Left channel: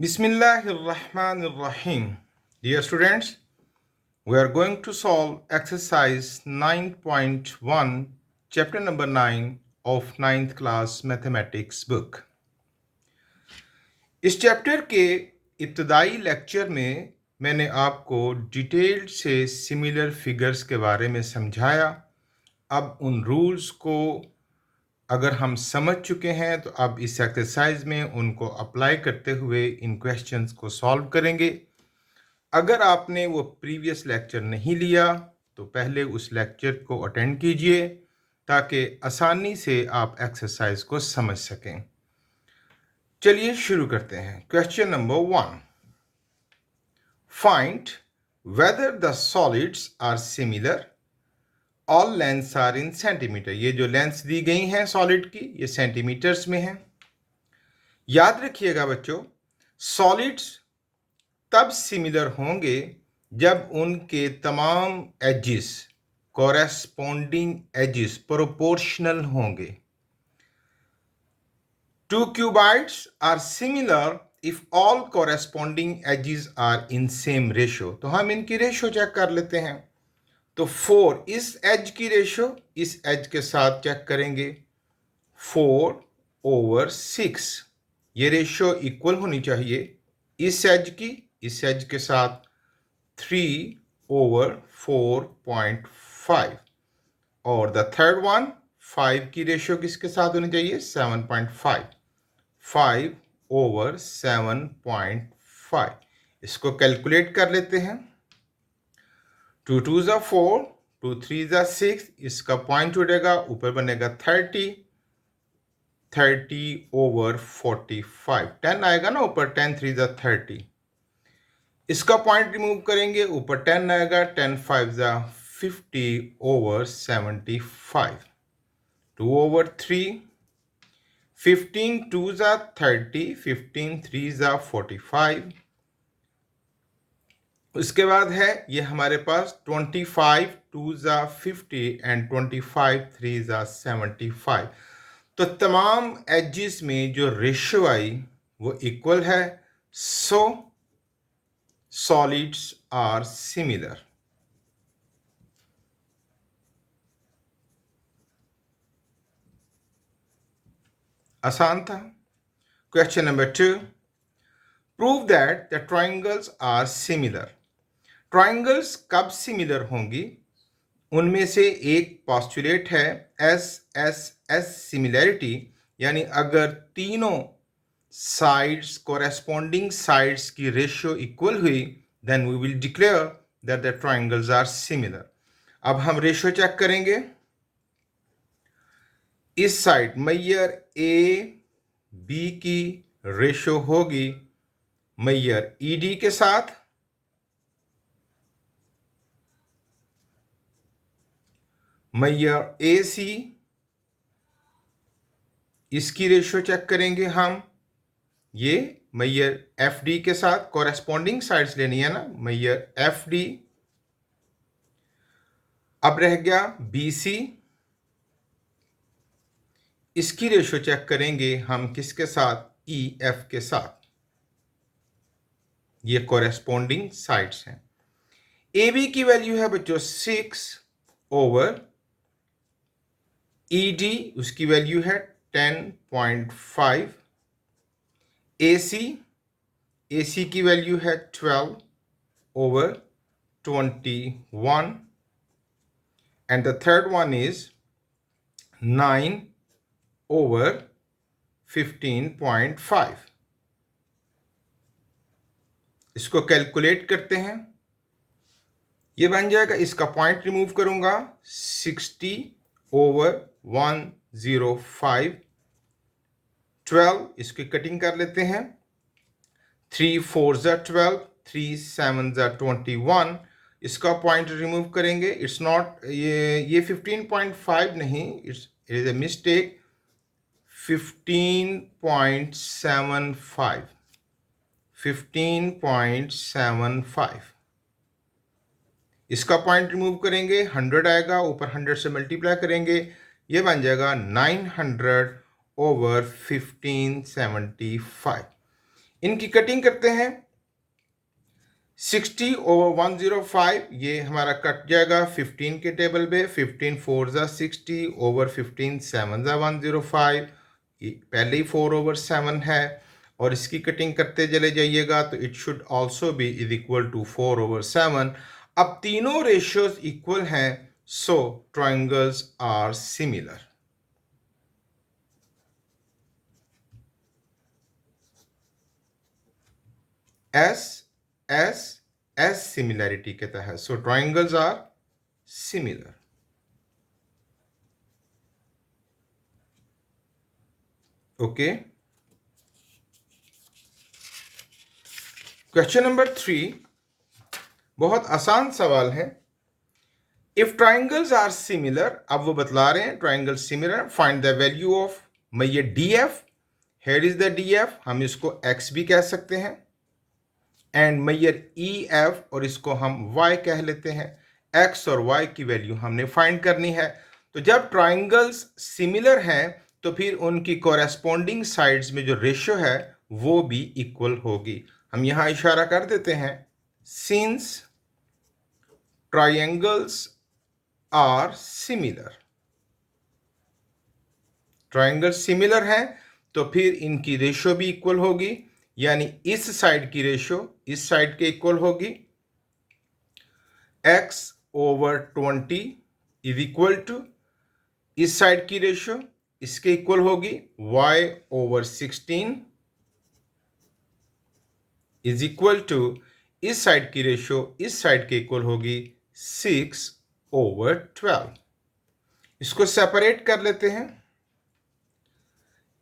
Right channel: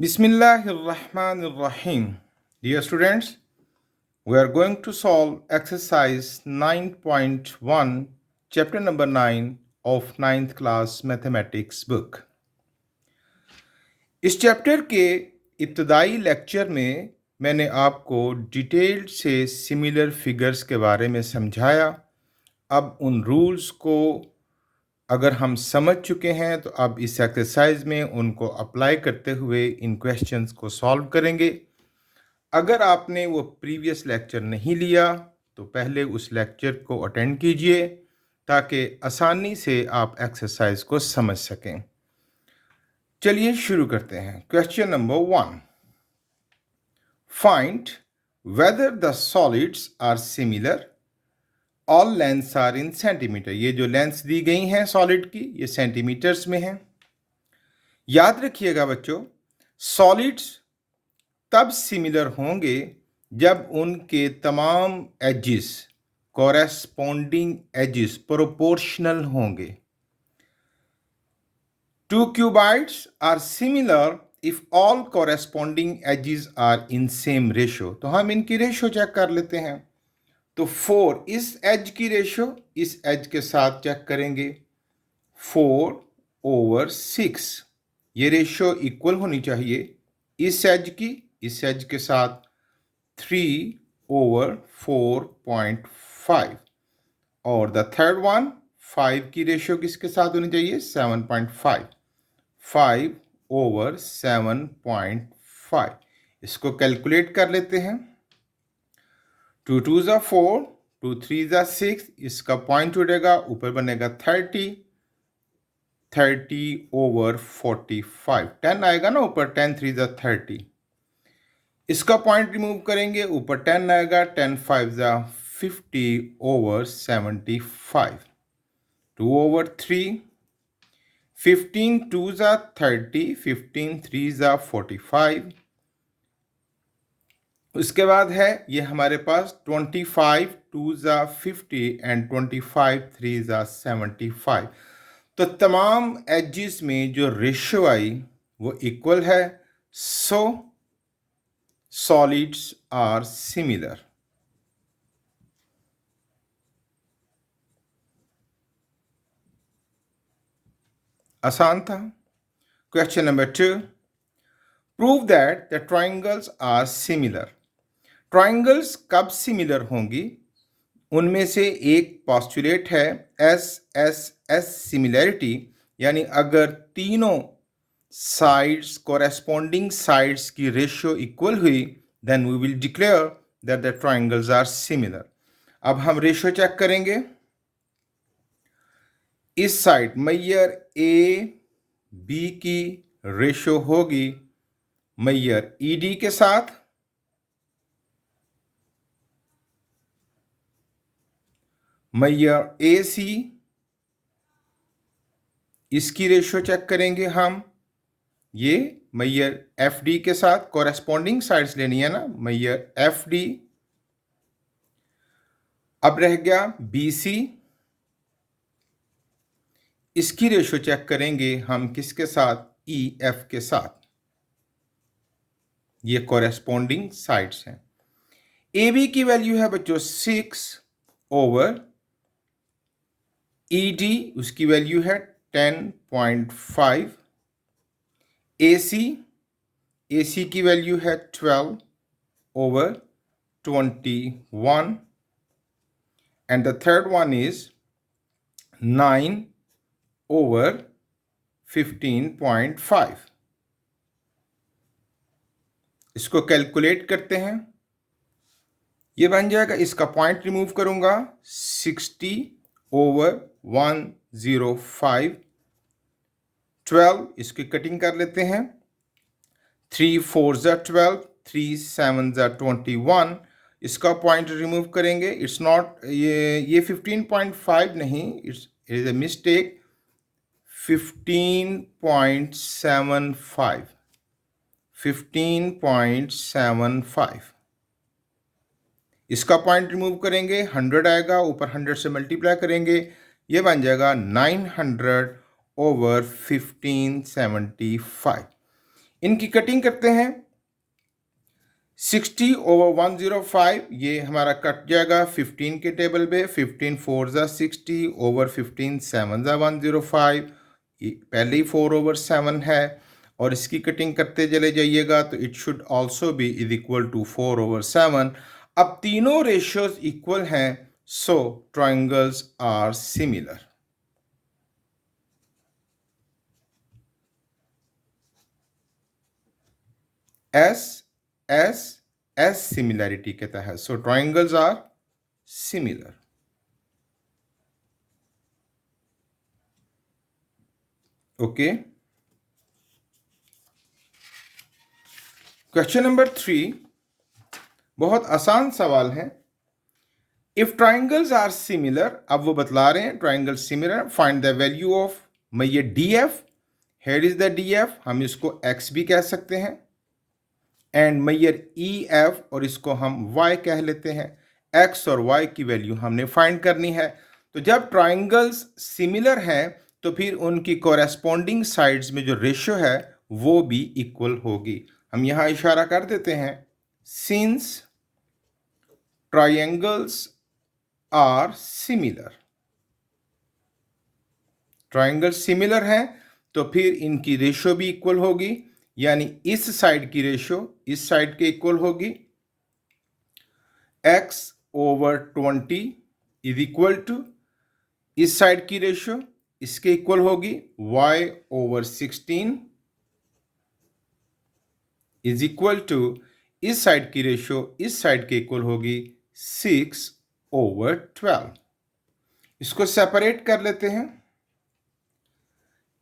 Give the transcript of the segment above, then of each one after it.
Bismillahirrahmanirrahim. Dear students, we are going to solve exercise 9.1, chapter number 9 of ninth class mathematics book. इस chapter के इब्तदाई lecture में मैंने आपको डिटेल्ड से सिमिलर फिगर्स के बारे में समझाया। अब उन रूल्स को अगर हम समझ चुके हैं तो अब इस एक्सरसाइज में उनको अप्लाई करते हुए इन क्वेश्चंस को सॉल्व करेंगे। अगर आपने वो प्रीवियस लेक्चर नहीं लिया तो पहले उस लेक्चर को अटेंड कीजिए ताकि आसानी से आप एक्सरसाइज को समझ सकें। चलिए शुरू करते हैं। Question number 1, find whether the solids are similar, all lengths are in centimetre. ये जो लेंथ्स दी गई हैं सॉलिड की, ये सेंटीमीटर्स में है। याद रखिएगा बच्चों, सॉलिड्स तब सिमिलर होंगे जब उनके तमाम एजेस, कॉरेस्पॉन्डिंग एजेस प्रोपोर्शनल होंगे। Two cuboids are similar if all corresponding edges are in same ratio. तो हम इनकी रेशो चेक कर लेते हैं। तो 4 इस एज की रेशो इस एज के साथ चेक करेंगे, 4/6। ये रेशो इक्वल होनी चाहिए इस एज की इस एज के साथ 3/4.5, और द थर्ड वन 5 की रेशो किसके साथ होनी चाहिए, 7.5, 5/7.5। इसको कैलकुलेट कर लेते हैं। 2 2s are 4, 2 3s are 6, इसका पॉइंट उड़ेगा, ऊपर बनेगा 30/45। 10 आएगा ना ऊपर, 10 3s are 30। इसका पॉइंट रिमूव करेंगे, ऊपर 10 आएगा, 10 5s are 50/75। 2/3, 15 2s are 30, 15 3s are 45। उसके बाद है ये हमारे पास 25 2s are 50 and 25 3s are 75। तो तमाम एजेस में जो रेशो आई वो इक्वल है, सो सॉलिड्स आर सिमिलर। आसान था। Question number 2, prove that the triangles are similar. Triangles कब सिमिलर होंगी? उनमें से एक पॉस्टुलेट है एस सिमिलैरिटी, यानी अगर तीनों साइड्स, कोरेस्पॉन्डिंग साइड्स की रेशियो इक्वल हुई, then we will declare that the triangles are similar. अब हम रेशियो चेक करेंगे। इस साइड मैयर ए बी की रेशियो होगी मैयर ई डी के साथ, मैयर ए सी, इसकी रेशियो चेक करेंगे हम, ये मैयर एफ डी के साथ, कॉरेस्पॉन्डिंग साइड्स लेनी है ना, मैयर एफ डी। अब रह गया बी सी, इसकी रेशियो चेक करेंगे हम किसके साथ, ई एफ के साथ। ये कॉरेस्पॉन्डिंग साइड्स हैं। ए बी की वैल्यू है बच्चों 6/, ई डी उसकी वैल्यू है 10.5, ए सी की वैल्यू है 12/21, and the third one is 9/15.5। इसको कैलकुलेट करते हैं। ये बन जाएगा, इसका पॉइंट रिमूव करूंगा, 60/105। 12 इसकी कटिंग कर लेते हैं, 3 4s are 12, 3 7s are 21। इसका पॉइंट रिमूव करेंगे, इट्स नॉट, ये 15.5 नहीं, इट्स इज ए मिस्टेक, 15.75, 15.75। इसका पॉइंट रिमूव करेंगे, 100 आएगा, ऊपर 100 से मल्टीप्लाई करेंगे, ये बन जाएगा 900/1575। इनकी कटिंग करते हैं। 60 over 105, ये हमारा कट जाएगा 15 के टेबल पे। 15 4 ज़ा 60 over 15 7 ज़ा 105, ये पहले ही 4 over 7 है, और इसकी कटिंग करते चले जाइएगा तो it should also be is equal to 4 over 7। अब तीनों रेशियोज इक्वल हैं, so triangles are similar. S S S similarity के तहत, so triangles are similar. Okay, question number 3 बहुत आसान सवाल है। इफ ट्राइंगल्स आर सिमिलर, अब वो बतला रहे हैं triangle similar, find the value of, मैं ये D F, hair is the D F, हम इसको एक्स भी कह सकते हैं, एंड मैयर ई एफ, और इसको हम वाई कह लेते हैं। एक्स और वाई की वैल्यू हमने फाइंड करनी है। तो जब ट्राइंगल्स सिमिलर हैं तो फिर उनकी कोरेस्पॉन्डिंग साइड्स में जो रेशियो है वो भी इक्वल होगी। हम यहाँ इशारा कर देते हैं, since triangles are similar, triangle similar है तो फिर इनकी रेशियो भी इक्वल होगी, यानी इस साइड की रेशियो इस साइड के इक्वल होगी। x over 20 is equal to इस साइड की रेशियो इसके इक्वल होगी y over 16 is equal to इस साइड की रेशियो इस साइड के इक्वल होगी 6 over 12। इसको सेपरेट कर लेते हैं।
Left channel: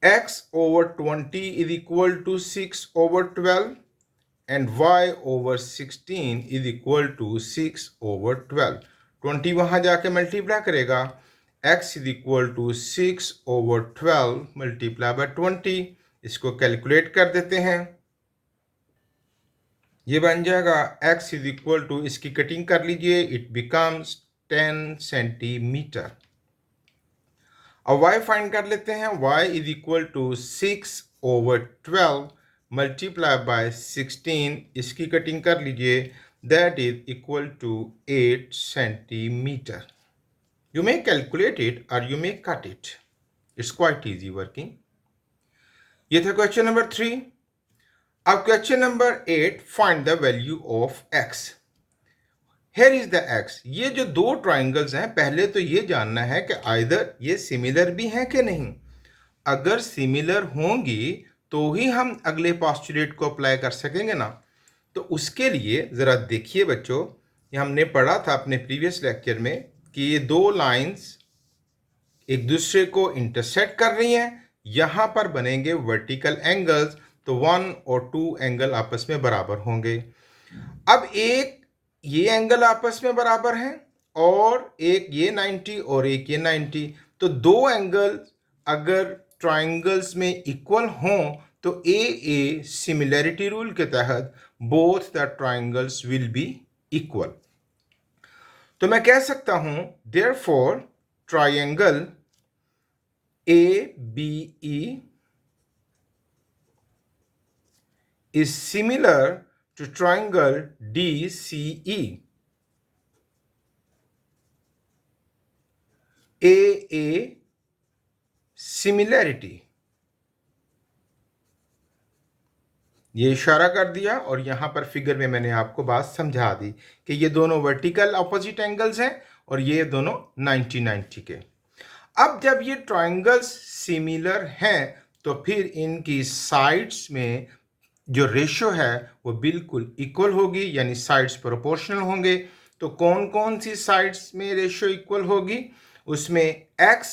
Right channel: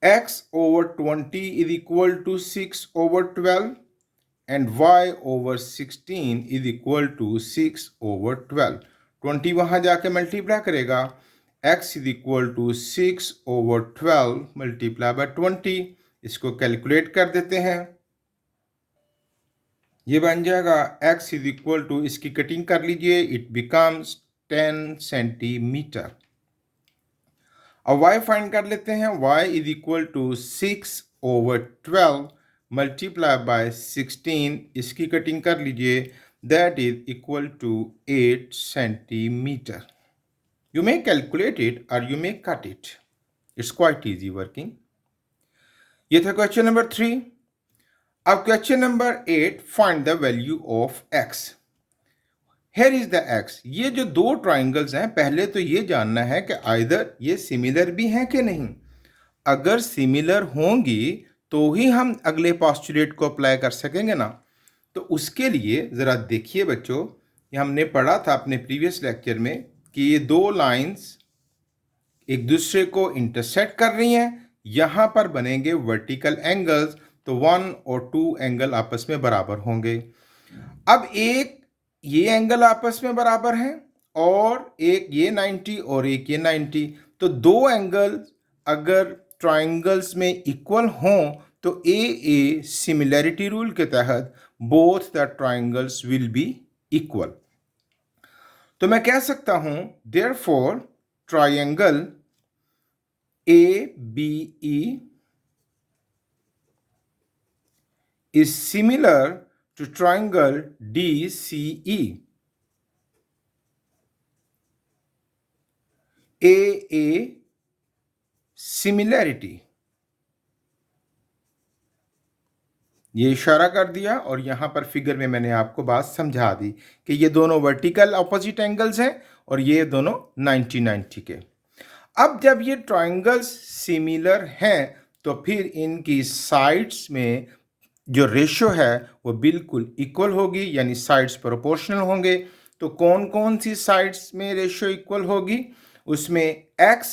x over 20 is equal to 6 over 12 and y over 16 is equal to 6 over 12। 20 वहाँ जाके मल्टीप्लाई करेगा, x is equal to 6 over 12 multiply by 20। इसको कैलकुलेट कर देते हैं, ये बन जाएगा x is equal to, इसकी कटिंग कर लीजिए, इट बिकम्स 10 सेंटीमीटर। अब y फाइंड कर लेते हैं, y is equal to 6 over 12 multiply by 16, इसकी कटिंग कर लीजिए, that is equal to 8 centimetre. You may calculate it और you may cut it, it's quite easy working. ये था क्वेश्चन नंबर 3। अब question number 8, find the value of x। Here is the x. ये जो दो triangles हैं, पहले तो ये जानना है कि आइदर ये सिमिलर भी हैं कि नहीं। अगर सिमिलर होंगी तो ही हम अगले पोस्टुलेट को अप्लाई कर सकेंगे ना। तो उसके लिए ज़रा देखिए बच्चों, ये हमने पढ़ा था अपने प्रीवियस लेक्चर में कि ये दो लाइंस एक दूसरे को इंटरसेक्ट कर रही हैं, यहाँ पर बनेंगे वर्टिकल एंगल्स, तो 1 और 2 एंगल आपस में बराबर होंगे। अब एक ये एंगल आपस में बराबर हैं और एक ये 90 और एक ये 90, तो दो एंगल अगर ट्राइंगल्स में इक्वल हों तो ए सिमिलैरिटी रूल के तहत both the triangles will be equal. तो मैं कह सकता हूं therefore triangle A B E is similar to triangle DCE। A similarity, ये इशारा कर दिया और यहाँ पर फिगर में मैंने आपको बात समझा दी कि ये दोनों वर्टिकल ऑपोजिट एंगल्स हैं और ये दोनों 90-90 के। अब जब ये ट्राइंगल्स सिमिलर हैं तो फिर इनकी साइड्स में जो रेशियो है वो बिल्कुल इक्वल होगी, यानी साइड्स प्रोपोर्शनल होंगे। तो कौन कौन सी साइड्स में रेशियो इक्वल होगी? उसमें x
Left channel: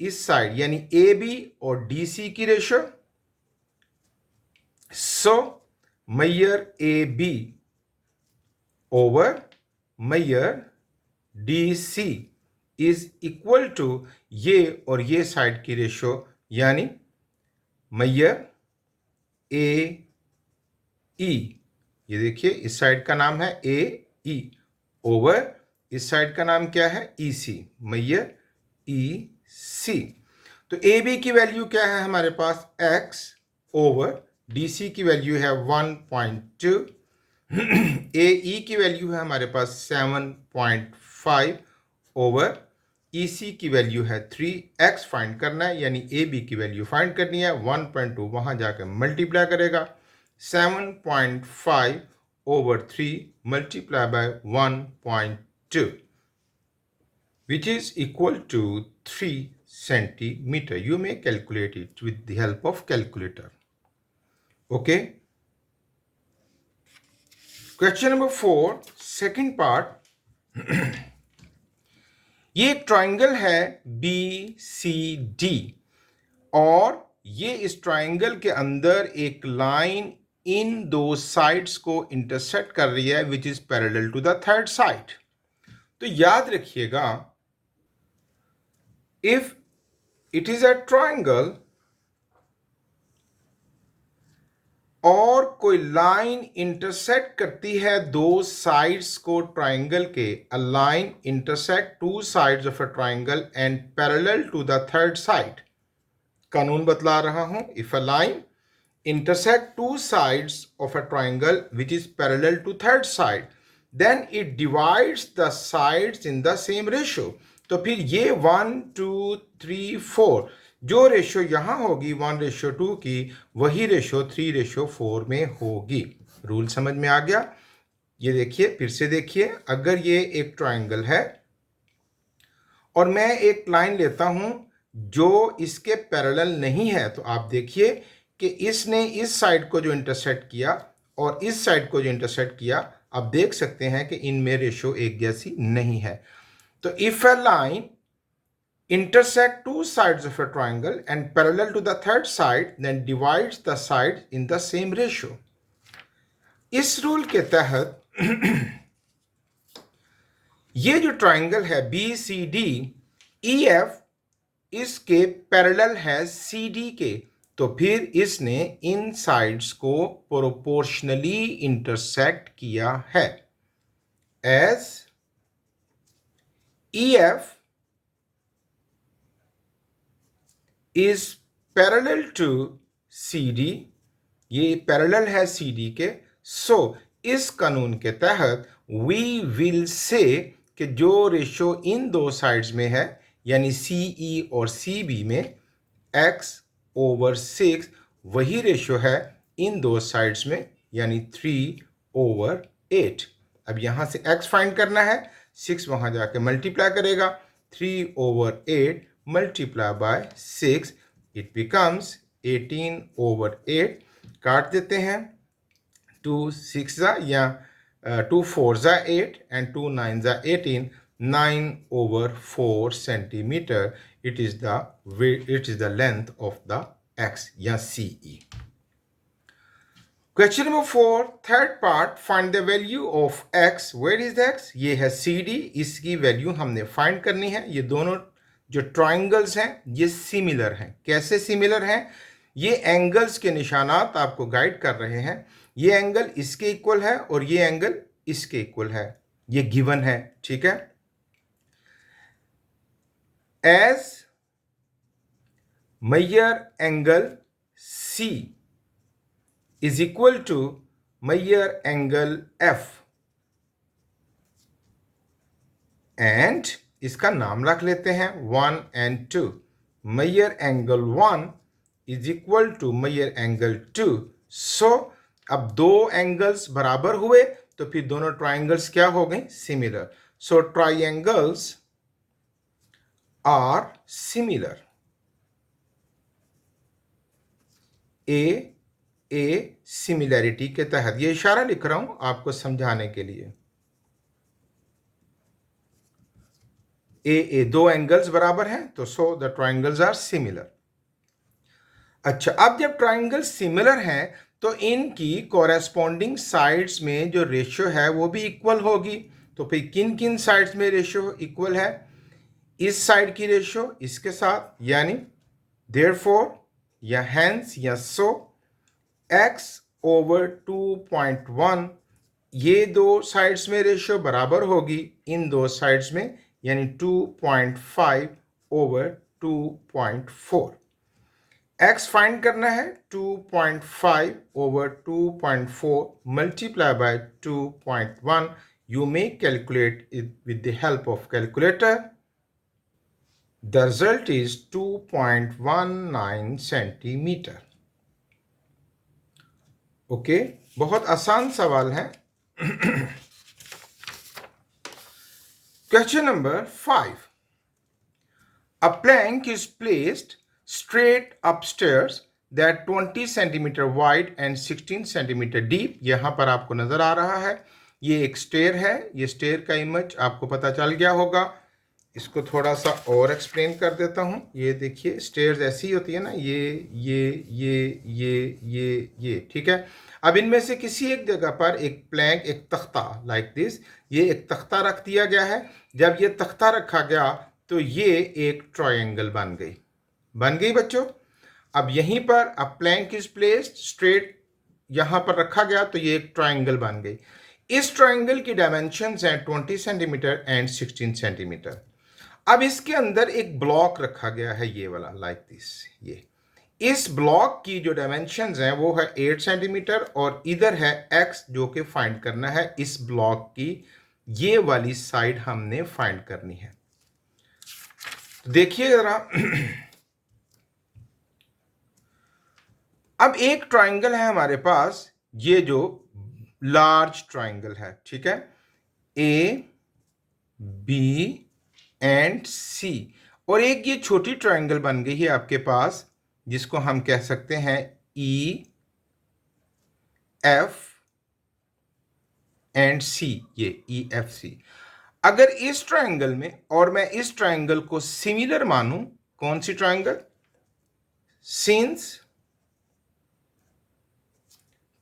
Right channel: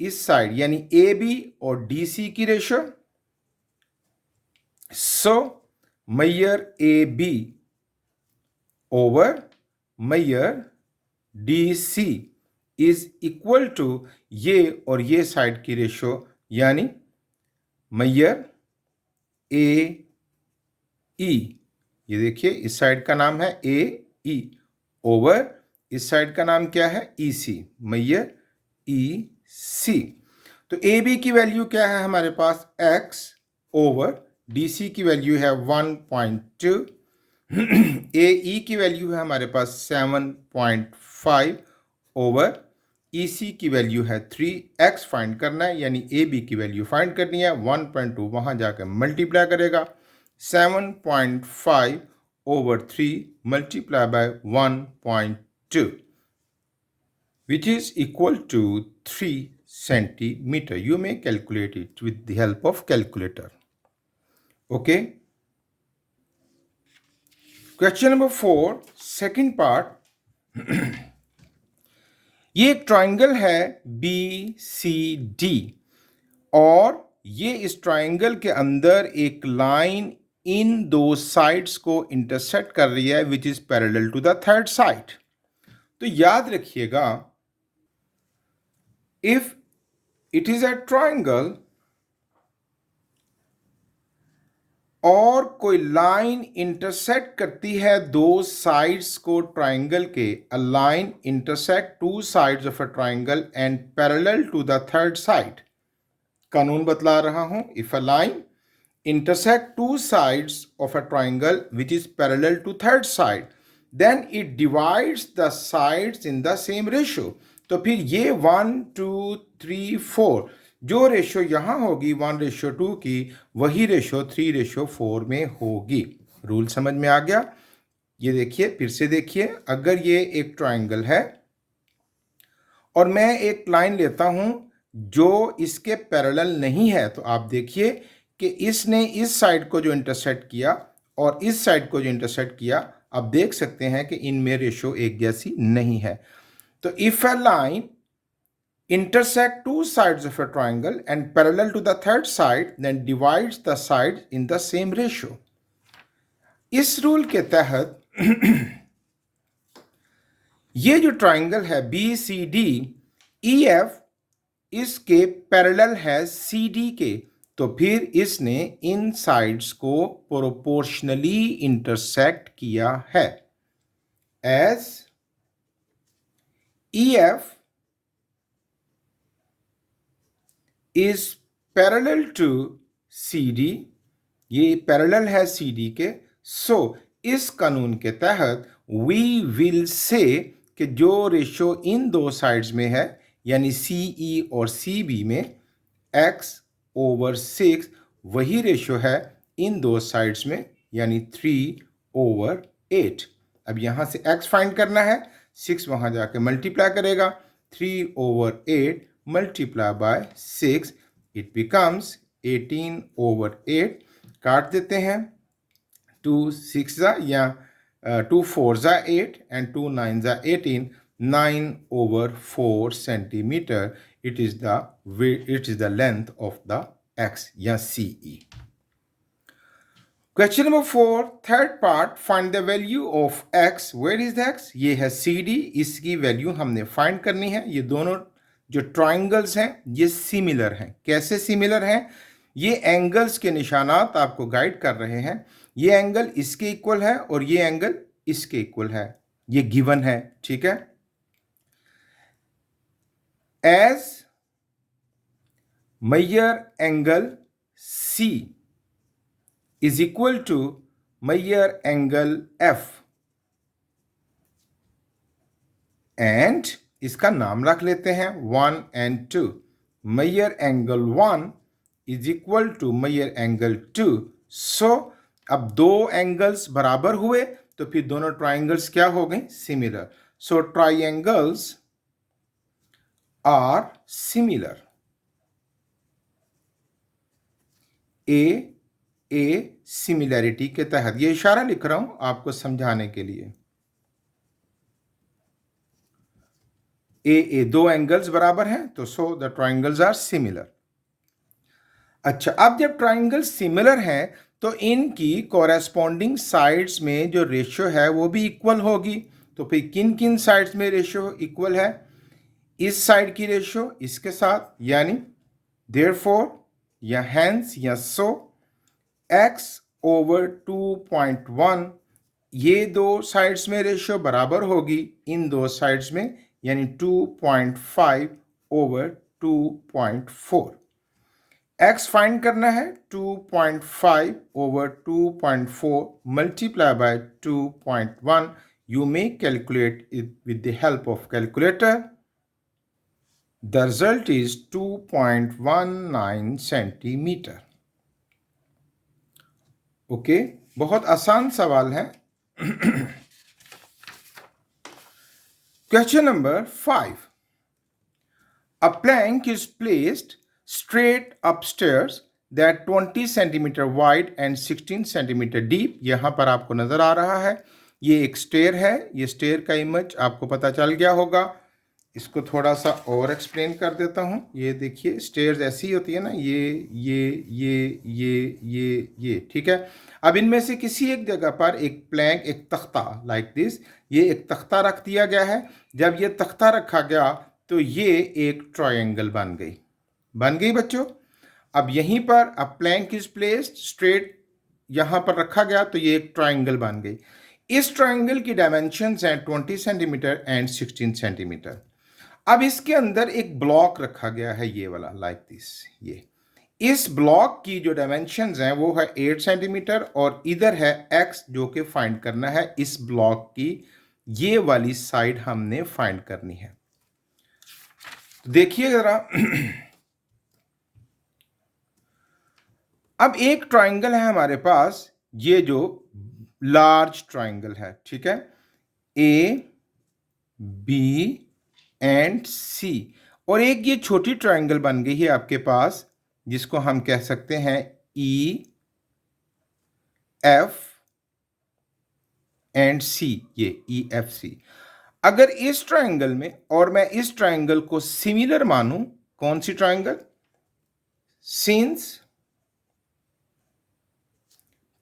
इस साइड यानी ए बी और डी सी की रेशियो, सो मैयर ए बी ओवर मैयर D C is equal to ये और ये साइड की रेशियो, यानी मैयर ए ई, ये देखिए इस साइड का नाम है ए ई, ओवर इस साइड का नाम क्या है ई सी, मैयर ई सी। तो ए बी की वैल्यू क्या है हमारे पास? x ओवर DC की वैल्यू है 1.2, AE की वैल्यू है हमारे पास 7.5 ओवर EC की वैल्यू है 3, X फाइंड करना है यानी AB की वैल्यू फाइंड करनी है। 1.2 वहां जाकर मल्टीप्लाई करेगा, 7.5 over 3 multiplied by 1.2 which is equal to 3 centimeter. You may calculate it with the help of calculator. Okay. Question number 4, second part. ये एक ट्राइंगल है BCD और ये इस ट्राइंगल के अंदर एक लाइन इन दो साइड्स को इंटरसेक्ट कर रही है which is parallel to the third side. तो याद रखिएगा, if it is a triangle और कोई लाइन इंटरसेक्ट करती है दो साइड्स को ट्राइंगल के, a line intersect two sides of a triangle and parallel to the third side. कानून बतला रहा हूं, if a line intersect two sides of a triangle which is parallel to third side, then it divides the sides in the same ratio. तो फिर ये 1 2 3 4 जो ratio यहां होगी 1:2 की, वही रेशियो 3:4 में होगी। रूल समझ में आ गया? ये देखिए, फिर से देखिए, अगर ये एक ट्राइंगल है और मैं एक लाइन लेता हूं जो इसके पैरेलल नहीं है, तो आप देखिए कि इसने इस साइड को जो इंटरसेक्ट किया और इस साइड को जो इंटरसेक्ट किया, आप देख सकते हैं कि इनमें रेशियो एक जैसी नहीं है। तो if a line intersect two sides of a triangle and parallel to the third side, then divides the sides in the same ratio. इस रूल के तहत ये जो ट्राइंगल है BCD, EF इसके पैरेलल है CD के, तो फिर इसने इन साइड्स को प्रोपोर्शनली इंटरसेक्ट किया है। As EF is parallel to CD, ये पैरेलल है CD के, सो इस कानून के तहत वी विल से कि जो रेशियो इन दो साइड्स में है यानी CE और CB में x/6 वही रेशियो है इन दो साइड्स में यानी 3/8। अब यहां से x फाइंड करना है, 6 वहां जाके मल्टीप्लाई करेगा, 3/8 मल्टीप्लाई बाय 6 इट बिकम्स 18/8। काट देते हैं, 2 6 या 2 4 8 and 2 9 18, 9/4 centimeter. It is the length of the x या CE. Question number 4, third part, find the value of x. Where is the x? ये है CD, इसकी वैल्यू हमने फाइंड करनी है। ये दोनों जो ट्राइंगल्स हैं ये सिमिलर हैं। कैसे सिमिलर हैं? ये एंगल्स के निशानात आपको गाइड कर रहे हैं। ये एंगल इसके इक्वल है और ये एंगल इसके इक्वल है, ये गिवन है, ठीक है। As measure angle C is equal to measure angle F and इसका नाम रख लेते हैं 1 and 2। measure angle 1 is equal to measure angle 2। सो अब दो एंगल्स बराबर हुए तो फिर दोनों ट्राइंगल्स क्या हो गए? Similar. So triangles are similar. A similarity के तहत, ये इशारा लिख रहा हूं आपको समझाने के लिए। ए दो एंगल्स बराबर हैं तो so the triangles are similar. अच्छा, अब जब ट्राइंगल सिमिलर हैं तो इनकी कोरेस्पॉन्डिंग साइड्स में जो रेशियो है वो भी इक्वल होगी। तो फिर किन किन साइड्स में रेशियो इक्वल है? इस साइड की रेशियो इसके साथ, यानी देयरफॉर या हेंस या सो x/2.1, ये दो साइड्स में रेशियो बराबर होगी इन दो साइड्स में, यानी 2.5/2.4। x फाइंड करना है 2.5 over 2.4 multiply by 2.1. You may calculate it with the help of calculator. The result is 2.19 centimeter. Okay, बहुत आसान सवाल है। Question number 5. A plank is placed straight upstairs that 20 centimeter wide and 16 centimeter deep. यहाँ पर आपको नजर आ रहा है, ये एक स्टेयर है। ये स्टेयर का इमेज आपको पता चल गया होगा। इसको थोड़ा सा और एक्सप्लेन कर देता हूँ। ये देखिए, स्टेयर्स ऐसी होती है ना, ये, ठीक है। अब इनमें से किसी एक जगह पर एक प्लैंक, एक तख्ता लाइक दिस, ये एक तख्ता रख दिया गया है। जब ये तख्ता रखा गया तो ये एक ट्रायंगल बन गई बच्चों। अब यहीं पर अ प्लैंक इज प्लेस्ड स्ट्रेट, यहां पर रखा गया तो ये एक ट्रायंगल बन गई। इस ट्रायंगल की डायमेंशंस हैं 20 सेंटीमीटर एंड 16 सेंटीमीटर। अब इसके अंदर एक ब्लॉक रखा गया है, ये वाला लाइक दिस। ये इस ब्लॉक की जो डायमेंशंस हैं वो है 8 सेंटीमीटर और इधर है x जो कि फाइंड करना है। इस ब्लॉक की ये वाली साइड हमने फाइंड करनी है। देखिए जरा, अब एक ट्रायंगल है हमारे पास, ये जो लार्ज ट्रायंगल है, ठीक है, ए बी एंड सी, और एक ये छोटी ट्रायंगल बन गई है आपके पास जिसको हम कह सकते हैं ई एफ एंड सी, ये ई एफ सी। अगर इस ट्रायंगल में और मैं इस ट्रायंगल को सिमिलर मानूं, कौन सी triangle? Since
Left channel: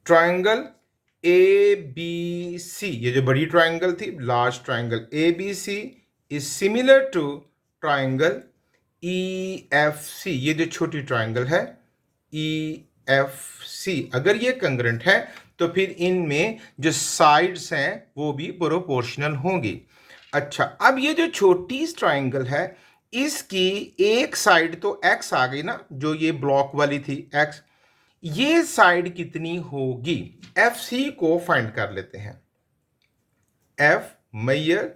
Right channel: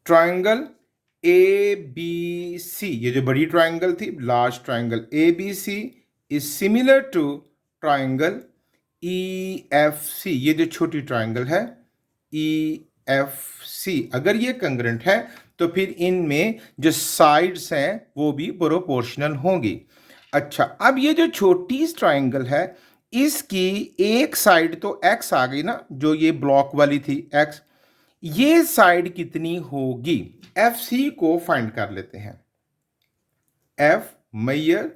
triangle A B C, ये जो बड़ी ट्रायंगल थी, large triangle A B C is similar to triangle E F C, ये जो छोटी ट्रायंगल है ई एफ सी। अगर ये कंग्रेंट है तो फिर इनमें जो साइड्स हैं वो भी प्रोपोर्शनल होंगी। अच्छा, अब ये जो छोटी ट्रायंगल है इसकी एक साइड तो एक्स आ गई ना, जो ये ब्लॉक वाली थी एक्स, ये साइड कितनी होगी? एफ सी को फाइंड कर लेते हैं। एफ मैयर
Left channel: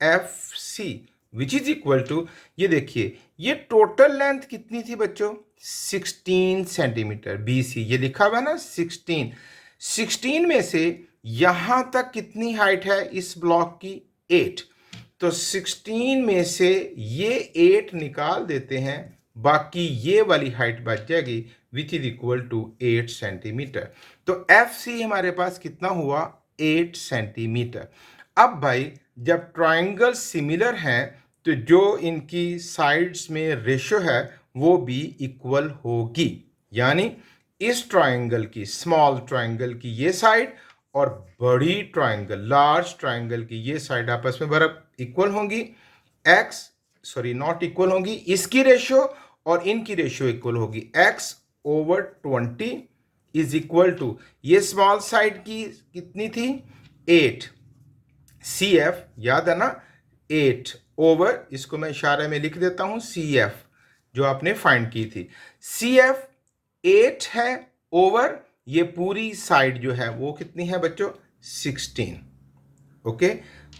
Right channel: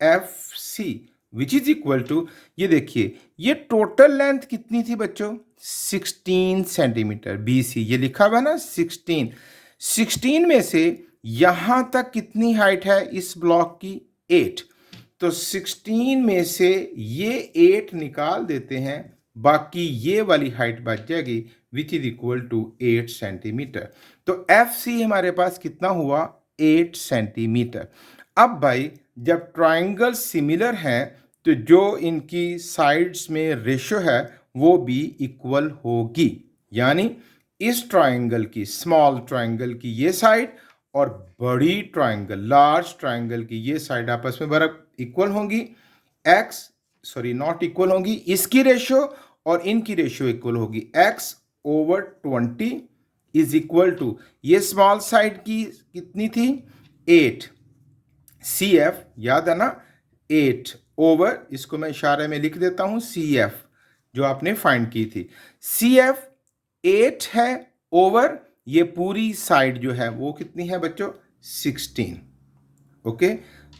F C which is equal to, ये देखिए ये टोटल लेंथ कितनी थी बच्चों? 16 सेंटीमीटर। बी सी ये लिखा हुआ ना 16, 16 में से यहां तक कितनी हाइट है इस ब्लॉक की? 8। तो 16 में से ये 8 निकाल देते हैं, बाकी ये वाली हाइट बच जाएगी which is equal to 8 centimetre. तो एफ सी हमारे पास कितना हुआ? 8 सेंटीमीटर। अब भाई जब ट्रायंगल सिमिलर हैं तो जो इनकी साइड्स में रेशो है वो भी इक्वल होगी, यानी इस ट्रायंगल की, स्मॉल ट्रायंगल की ये साइड और बड़ी ट्रायंगल, लार्ज ट्रायंगल की ये साइड आपस में बराबर इक्वल होंगी। एक्स सॉरी नॉट इक्वल होंगी, इसकी रेशो और इनकी रेशो इक्वल होगी। x over 20 is equal to, ये स्मॉल साइड की कितनी थी? 8। सी एफ याद है ना, 8 ओवर, इसको मैं इशारे में लिख देता हूं, सी एफ जो आपने फाइंड की थी। सी एफ 8 है ओवर ये पूरी साइड जो है वो कितनी है बच्चों? 16। ओके,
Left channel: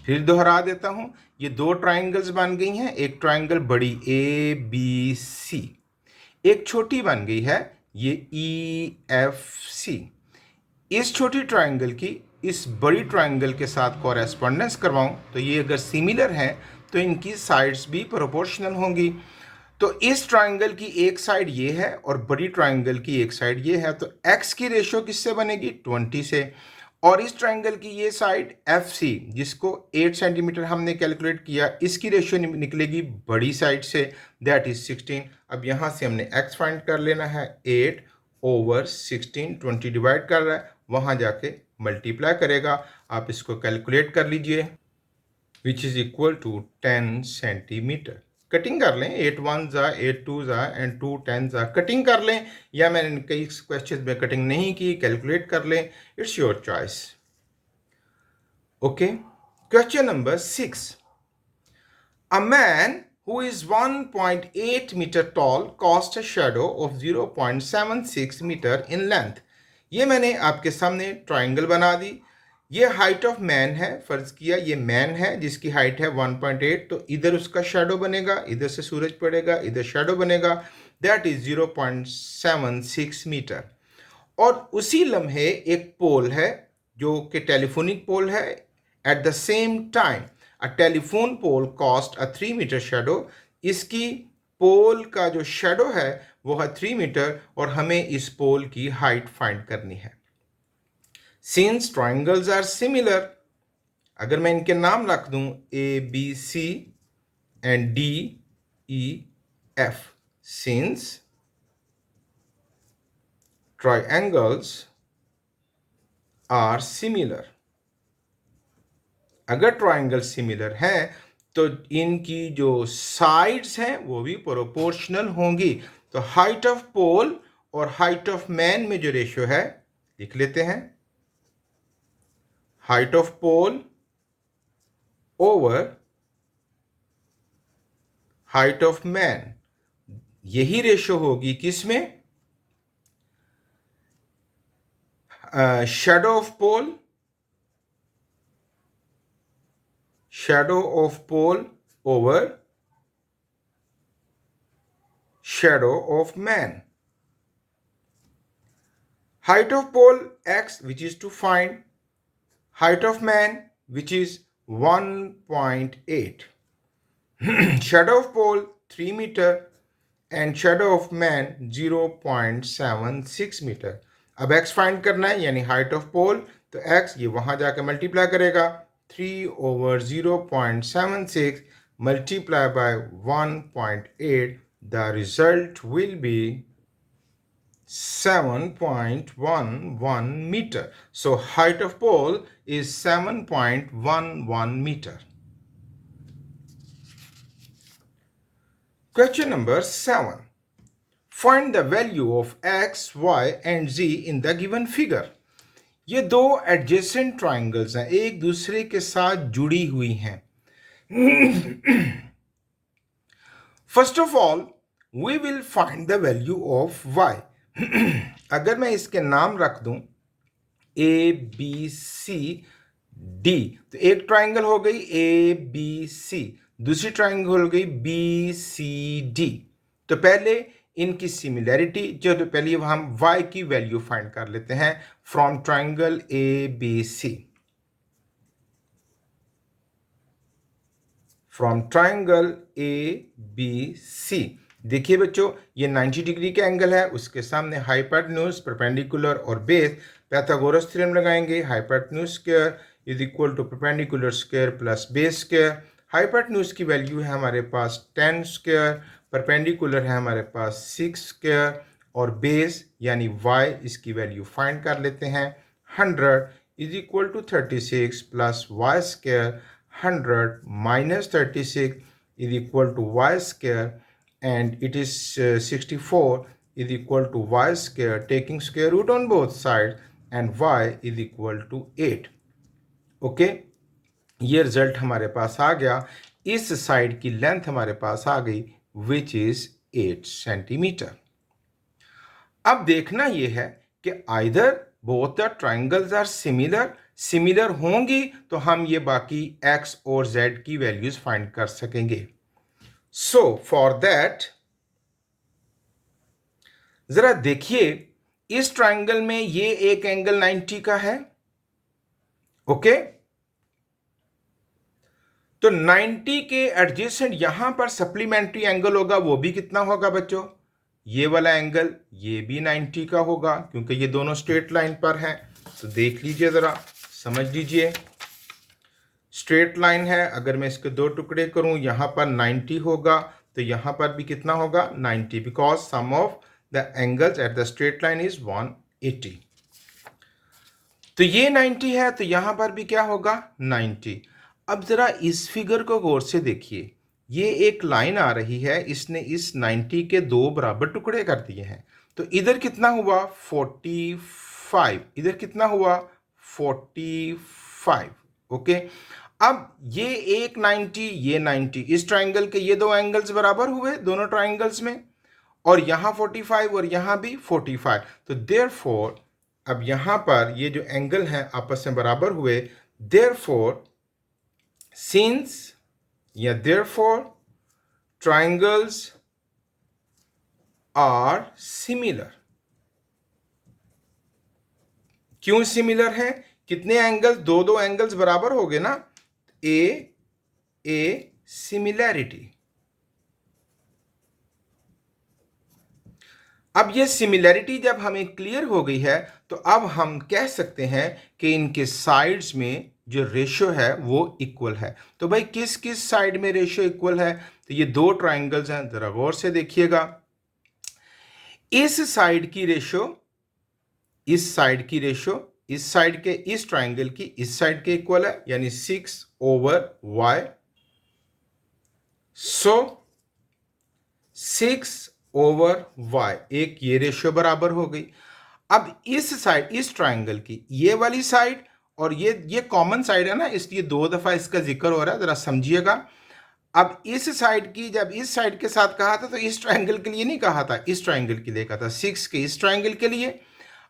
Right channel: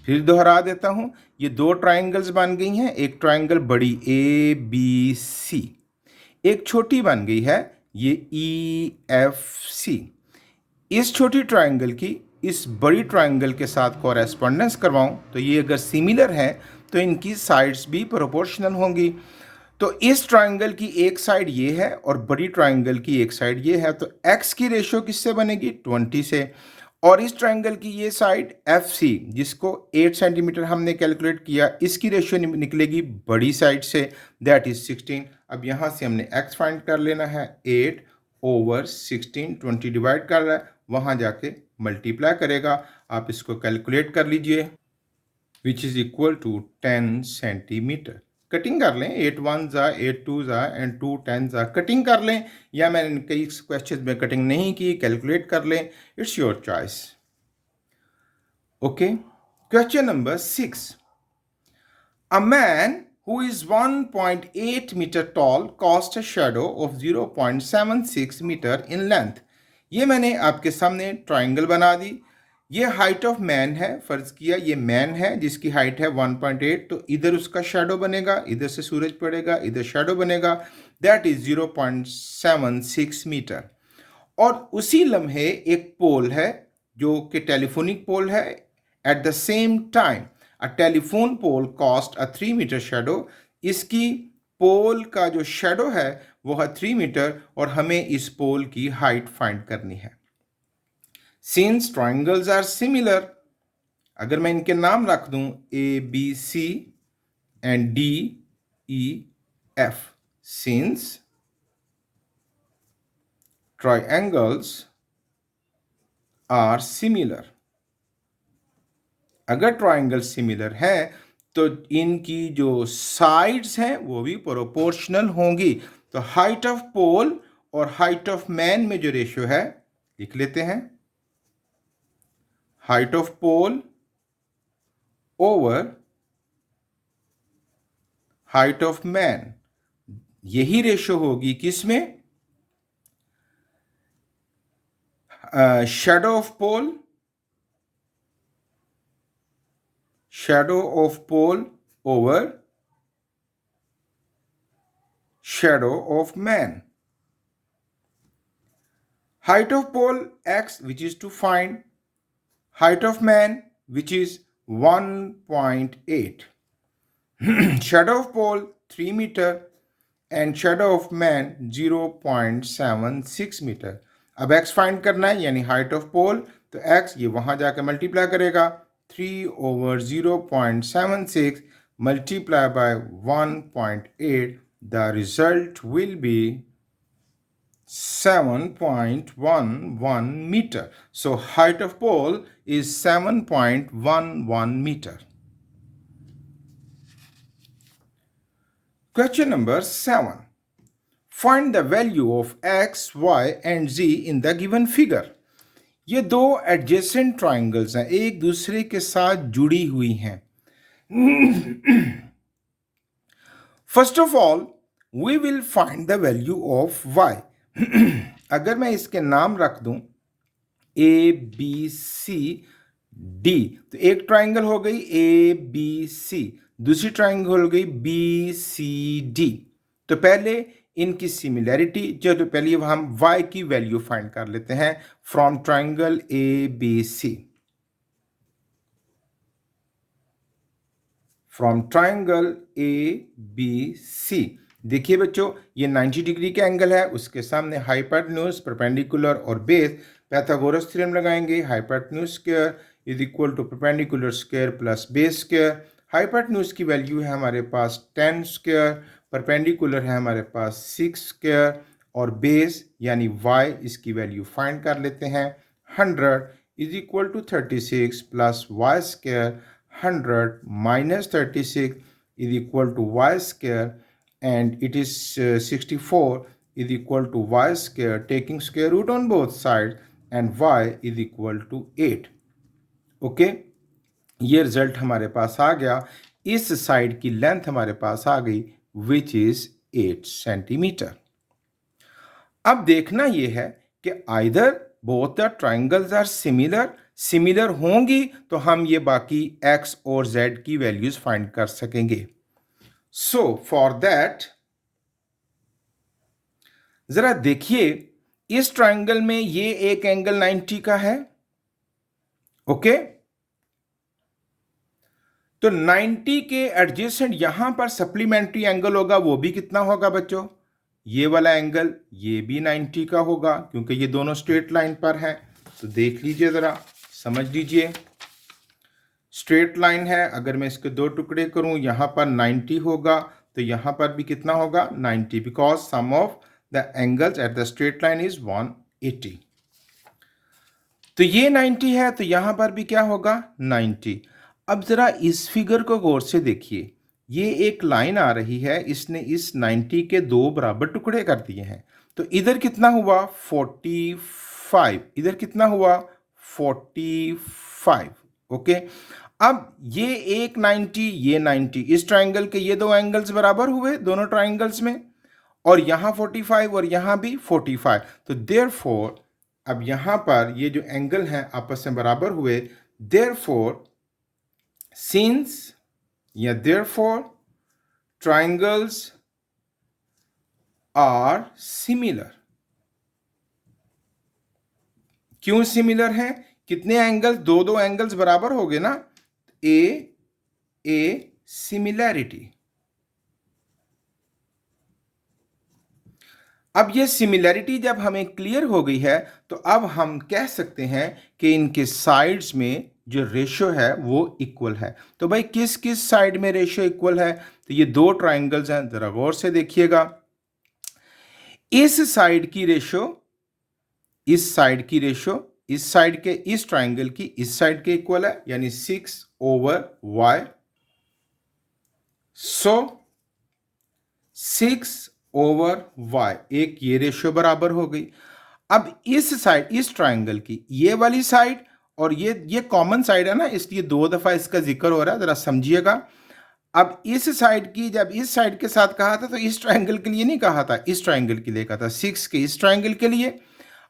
फिर दोहरा देता हूं, ये दो ट्रायंगल्स बन गई हैं। एक ट्रायंगल बड़ी ए बी सी, एक छोटी बन गई है ये ई एफ सी। इस छोटी ट्रायंगल की इस बड़ी ट्रायंगल के साथ कॉरेस्पॉन्डेंस करवाऊं तो ये अगर सिमिलर है तो इनकी साइड्स भी प्रोपोर्शनल होंगी। तो इस ट्रायंगल की एक साइड ये है और बड़ी ट्रायंगल की एक साइड ये है, तो x की रेशो किससे बनेगी? 20 से। और इस ट्रायंगल की ये साइड एफ सी जिसको 8 सेंटीमीटर हमने कैलकुलेट किया, इसकी रेशो निकलेगी बड़ी साइड से, दैट इज 16। अब यहाँ से हमने x फाइंड कर लेना है, 8 ओवर 16, 20 डिवाइड कर रहा है, वहाँ जाके मल्टीप्लाई करेगा। आप इसको कैलकुलेट कर लीजिए, which is equal to 10 centimetre. Cutting कर लें, 8 1 जा 8 2 जा एंड 2 10 जा, कटिंग कर लें, या मैंने कई क्वेश्चन में कटिंग नहीं की, कैलकुलेट कर लें, it's your choice. Okay, question number 6। A man who is 1.8 meter tall casts a shadow of 0.76 meter in length. ये मैंने आपके सामने ट्राइंगल बना दी। ये हाइट ऑफ मैन है, फर्ज किया ये मैन है जिसकी हाइट है 1.8, तो इधर उसका शैडो बनेगा, इधर से सूरज पड़ेगा, इधर शैडो बनेगा, दैट इज 0.76 मीटर। और उसी लम्हे एक पोल है जो कि टेलीफोनिक पोल है। At the same time a telephone pole cast a 3 metre shadow. इसकी पोल का जो शैडो है वो है 3 मीटर और हमें इस पोल की हाइट फाइंड करनी है। सिंस ट्राइंगल्स आर सिमिलर, अगर मैं इनके नाम रख दूं ABC and DEF, since triangles are similar, अगर ट्राइंगल सिमिलर है तो इनकी जो साइड्स हैं वो भी प्रोपोर्शनल होंगी। तो हाइट ऑफ पोल और हाइट ऑफ मैन में जो रेशियो है लिख लेते हैं, height of pole over height of man, यही रेशियो होगी किसमें, shadow of pole over shadow of man. Height of pole x, which is to find height of man, which is 1.8. Shadow of pole 3 meter and shadow of man 0.76 meter. अब x find करना है, यानी height of पोल, तो x ये वहां जाकर multiply करेगा, 3 over 0.76 multiplied by 1.8, the result will be 7.11 meter. So height of pole is 7.11 meter. Question number 7. Find the value of x, y and z in the given figure. ये दो adjacent triangles हैं, एक दूसरे के साथ जुड़ी हुई हैं। First of all we will find the value of y. अगर मैं इसके नाम रख दूं ABCD, तो एक ट्राइंगल हो गई ABC, दूसरी ट्राइंगल हो गई BCD। तो पहले इनकी सिमिलैरिटी जो, तो पहले हम y की वैल्यू फाइंड कर लेते हैं from triangle ABC। From triangle ABC देखिए बच्चों, ये 90 डिग्री का एंगल है, उसके सामने हाइपोटेन्यूज, परपेंडिकुलर और बेस। पाइथागोरस थ्योरम लगाएंगे, hypotenuse square is equal to perpendicular square plus base square. हाइपोटेन्यूज की वैल्यू है हमारे पास 10 स्क्वायर, परपेंडिकुलर है हमारे पास 6 स्क्वायर और बेस यानी y इसकी वैल्यू फाइंड कर लेते हैं। 100 is equal to 36 plus Y square, 100 minus 36 is equal to Y square and it is 64 is equal to y square, taking square root on both sides, and y is equal to 8. Okay, ये result हमारे पास आ गया। इस side की length हमारे पास आ गई which is 8 centimetre. अब देखना यह है कि either both the triangles are similar होंगी तो हम ये बाकी x और z की वैल्यूज फाइंड कर सकेंगे। So for that, जरा देखिए इस ट्राइंगल में ये एक एंगल 90 का है, ओके। तो 90 के एडजेसेंट यहां पर सप्लीमेंट्री एंगल होगा, वो भी कितना होगा बच्चों, ये वाला एंगल ये भी 90 का होगा क्योंकि ये दोनों स्ट्रेट लाइन पर है। तो देख लीजिए, जरा समझ लीजिए, स्ट्रेट लाइन है, अगर मैं इसके दो टुकड़े करूं यहां पर 90 होगा तो यहां पर भी कितना होगा 90, because sum of the angles at the straight line is 180। तो ये 90 है तो यहां पर भी क्या होगा 90। अब जरा इस फिगर को गौर से देखिए, ये एक लाइन आ रही है, इसने इस 90 के दो बराबर टुकड़े कर दिए हैं। तो इधर कितना हुआ 45, इधर कितना हुआ 45, ओके। अब ये एक 90, ये 90, इस ट्राइंगल के ये दो एंगल्स बराबर हुए दोनों ट्राइंगल्स में, और यहाँ 45 और यहाँ भी 45। तो देयरफॉर अब यहाँ पर ये जो एंगल हैं आपस में बराबर हुए, देयरफॉर सिंस या देयरफॉर ट्राइंगल्स आर सिमिलर। क्यों सिमिलर है? कितने एंगल्स? दो दो एंगल्स बराबर हो गए ना, ए सिमिलैरिटी। अब ये सिमिलैरिटी जब हमें क्लियर हो गई है तो अब हम कह सकते हैं कि इनके साइड्स में जो रेशियो है वो इक्वल है। तो भाई किस किस साइड में रेशियो इक्वल है? तो ये दो ट्राइंगल्स हैं, जरा गौर से देखिएगा। इस साइड की रेशियो, इस साइड की रेशियो इस साइड के इस ट्राइंगल की इस साइड के इक्वल है, यानी 6/y। सो 6/y, एक ये रेशियो बराबर हो गई। अब इस साइड, इस ट्राइंगल की ये वाली साइड और ये कॉमन साइड है ना, इसलिए दो दफा इसका जिक्र हो रहा है, जरा समझिएगा। अब इस साइड की जब इस साइड के साथ कहा था तो इस ट्राइंगल के लिए नहीं कहा था, इस ट्राइंगल के लिए कहा था, 6 के इस ट्राइंगल के लिए।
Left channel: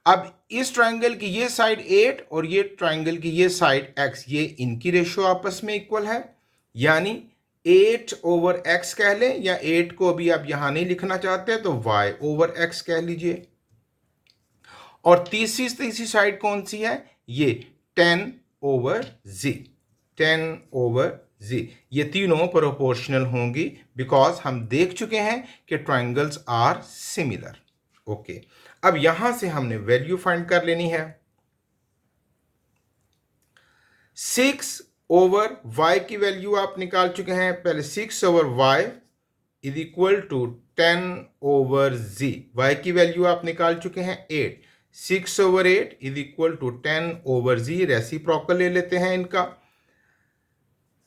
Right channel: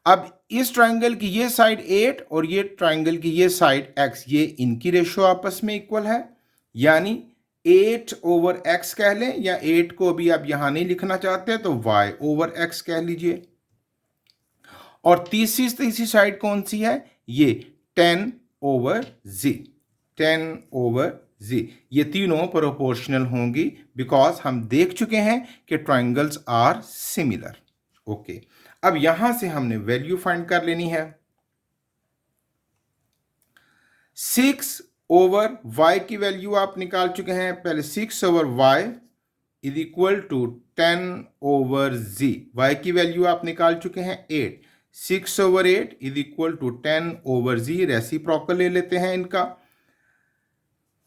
अब इस ट्राइंगल की ये साइड 8 और ये ट्राइंगल की ये साइड x, ये इनकी रेशियो आपस में इक्वल है, यानी 8/x कह लें, या 8 को अभी आप यहां नहीं लिखना चाहते तो y/x कह लीजिए। और तीसरी साइड कौन सी है? ये 10/z, 10/z। ये तीनों प्रोपोर्शनल होंगी बिकॉज हम देख चुके हैं कि ट्राइंगल्स आर सिमिलर। ओके, अब यहां से हमने वैल्यू फाइंड कर लेनी है। 6/y की वैल्यू आप निकाल चुके हैं पहले। 6/y is equal to 10/z। y की वैल्यू आप निकाल चुके हैं 8। 6/8 is equal to 10/z। Reciprocal ले लेते हैं इनका।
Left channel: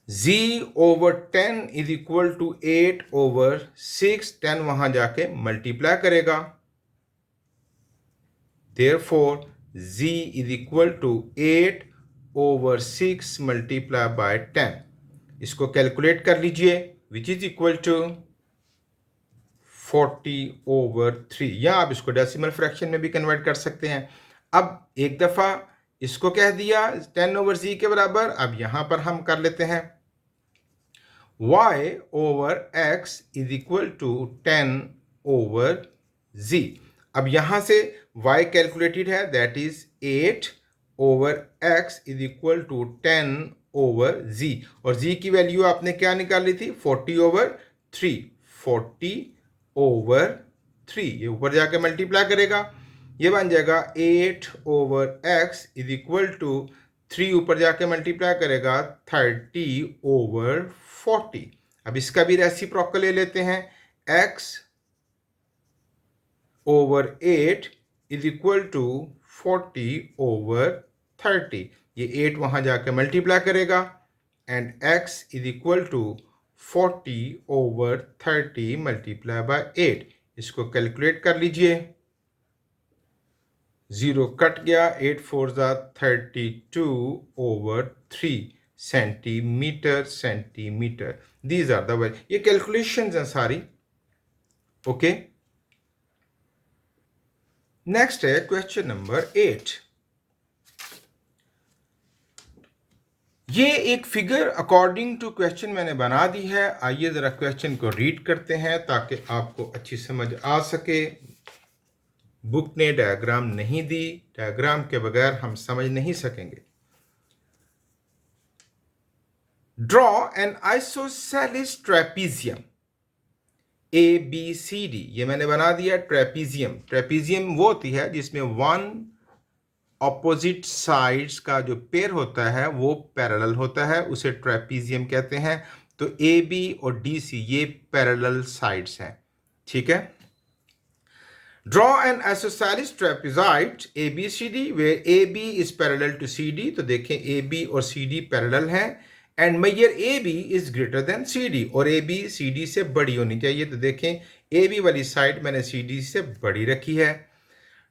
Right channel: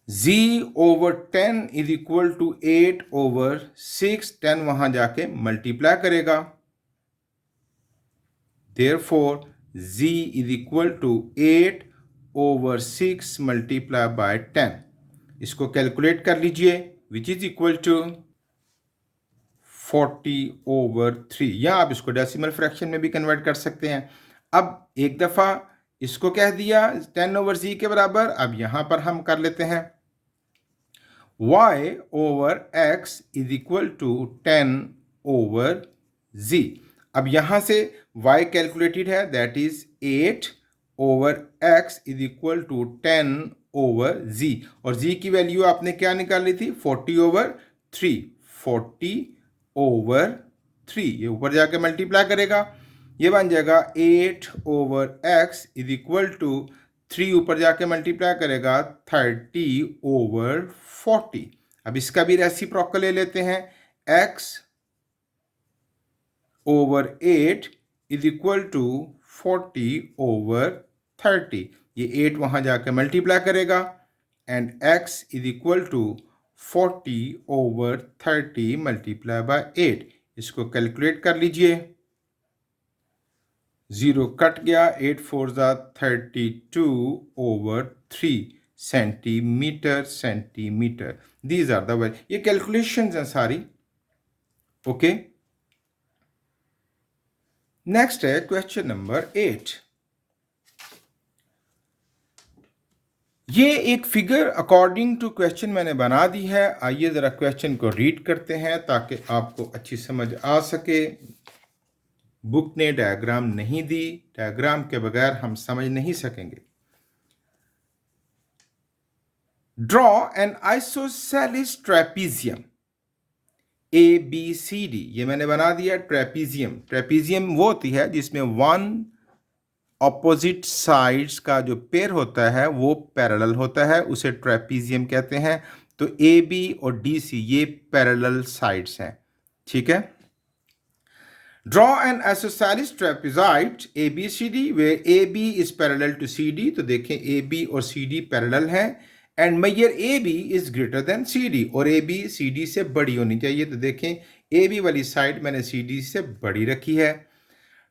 z/10 is equal to 8/6। 10 वहां जाके मल्टीप्लाई करेगा, therefore z is equal to 8/6 multiply by 10। इसको कैलकुलेट कर लीजिए, विच इज इक्वल टू 40/3, या आप इसको डेसिमल फ्रैक्शन में भी कन्वर्ट कर सकते हैं। अब एक दफ़ा इसको कह दिया 10/z के बराबर, अब यहां पर हम कर लेते हैं y/x is equal to 10/z। अब यहां से y कैलकुलेटेड है, that is 8/x is equal to 10/z, और z की वैल्यू आपने क्या निकाली थी? 40/3। 40/3 ये ऊपर जाके मल्टीप्लाई करेगा, ये बन जाएगा 8/x इज इक्वल टू 3 ऊपर जाके मल्टीप्लाई करेगा 30/40। अब इसका भी रेसिप्रोकल ले लेते हैं। x/8 is equal to 40/30। ये 8 वहां जाके मल्टीप्लाई करेगा and x is equal to 40/30 multiply by 8। इसको कैलकुलेट कर लीजिए, 0 कट गया, 8 4 जा 32/3 centimetre. These are the value. ये कैलकुलेशंस हैं सारी। ओके, नेक्स्ट है क्वेश्चन नंबर 8। ये एक फिगर अकॉर्डिंग टू क्वेश्चन मैंने बना दी है। आइए जरा क्वेश्चन को रीड करते हैं ताकि आपको अच्छी समझ आ सके। बुक ने डायग्राम नहीं दी, डायग्राम के बगैर हम समझ नहीं सकेंगे। Draw an isosceles trapezium ABCD। ये मैंने बना दिया ट्रेपीजियम। ट्रेपीजियम वो होती है जिसमें वन ऑपोजिट साइड्स का जो पेयर होता है वो पैरेलल होता है, उसे ट्रेपीजियम कहते हैं। तो AB और DC ये पैरेलल साइड्स हैं, ठीक है। Draw an isosceles trapezoid ABCD where AB is parallel to CD। तो देखें AB और CD पैरेलल हैं, and measure AB is greater than CD, और AB CD से बड़ी होनी चाहिए। तो देखें AB वाली साइड मैंने CD से बड़ी रखी है।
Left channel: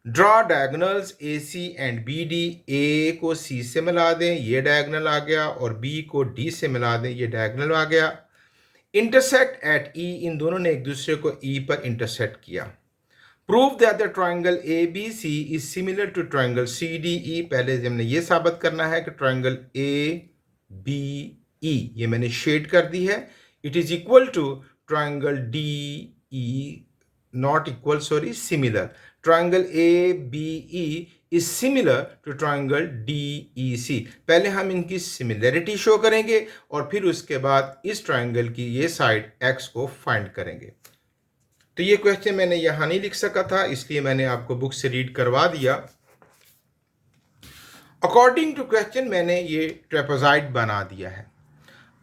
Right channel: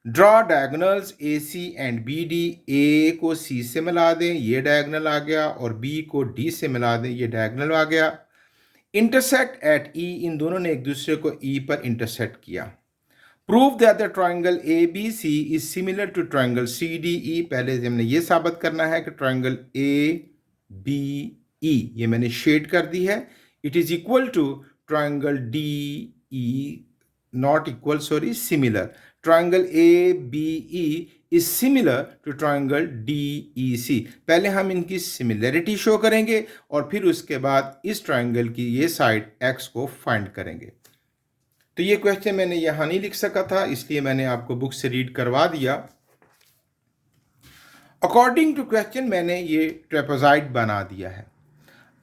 Draw diagonals A C and B D. A को सी से मिला दें, ये डायगोनल आ गया, और बी को डी से मिला दें, ये डायगोनल आ गया। इंटरसेक्ट एट ई, इन दोनों ने एक दूसरे को ई पर इंटरसेक्ट किया। Prove that the triangle A B C is similar to triangle C D E. पहले हमने ये साबित करना है कि ट्राइंगल ए बी ई, ये मैंने शेड कर दी है, it is equal to triangle D E, not equal, sorry, similar. Triangle A B E is similar to triangle D E C. पहले हम इनकी सिमिलरिटी शो करेंगे और फिर उसके बाद इस ट्राइंगल की ये साइड एक्स को फाइंड करेंगे। तो ये क्वेश्चन मैंने यहां नहीं लिख सका था, इसलिए मैंने आपको बुक से रीड करवा दिया। अकॉर्डिंग टू क्वेश्चन मैंने ये ट्रेपेजॉइड बना दिया है।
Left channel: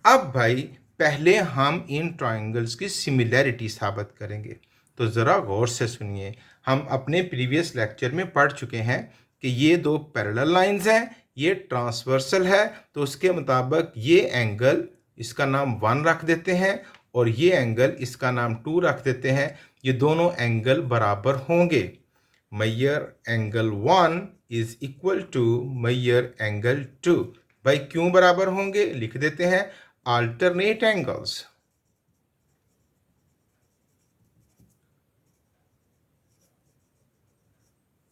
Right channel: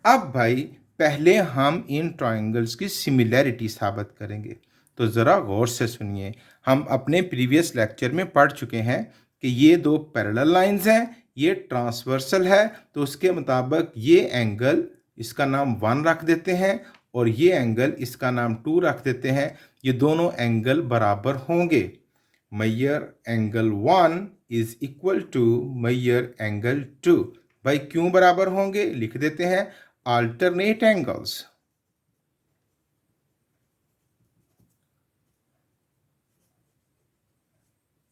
अब भाई पहले हम इन ट्राइंगल्स की सिमिलैरिटी साबित करेंगे। तो ज़रा गौर से सुनिए, हम अपने प्रीवियस लेक्चर में पढ़ चुके हैं कि ये दो पैरेलल लाइंस हैं, ये ट्रांसवर्सल है, तो उसके मुताबिक ये एंगल इसका नाम 1 रख देते हैं और ये एंगल इसका नाम 2 रख देते हैं। ये दोनों एंगल बराबर होंगे। मैयर एंगल 1 इज इक्वल टू मैयर एंगल 2। भाई क्यों बराबर होंगे, लिख देते हैं, alternate angles।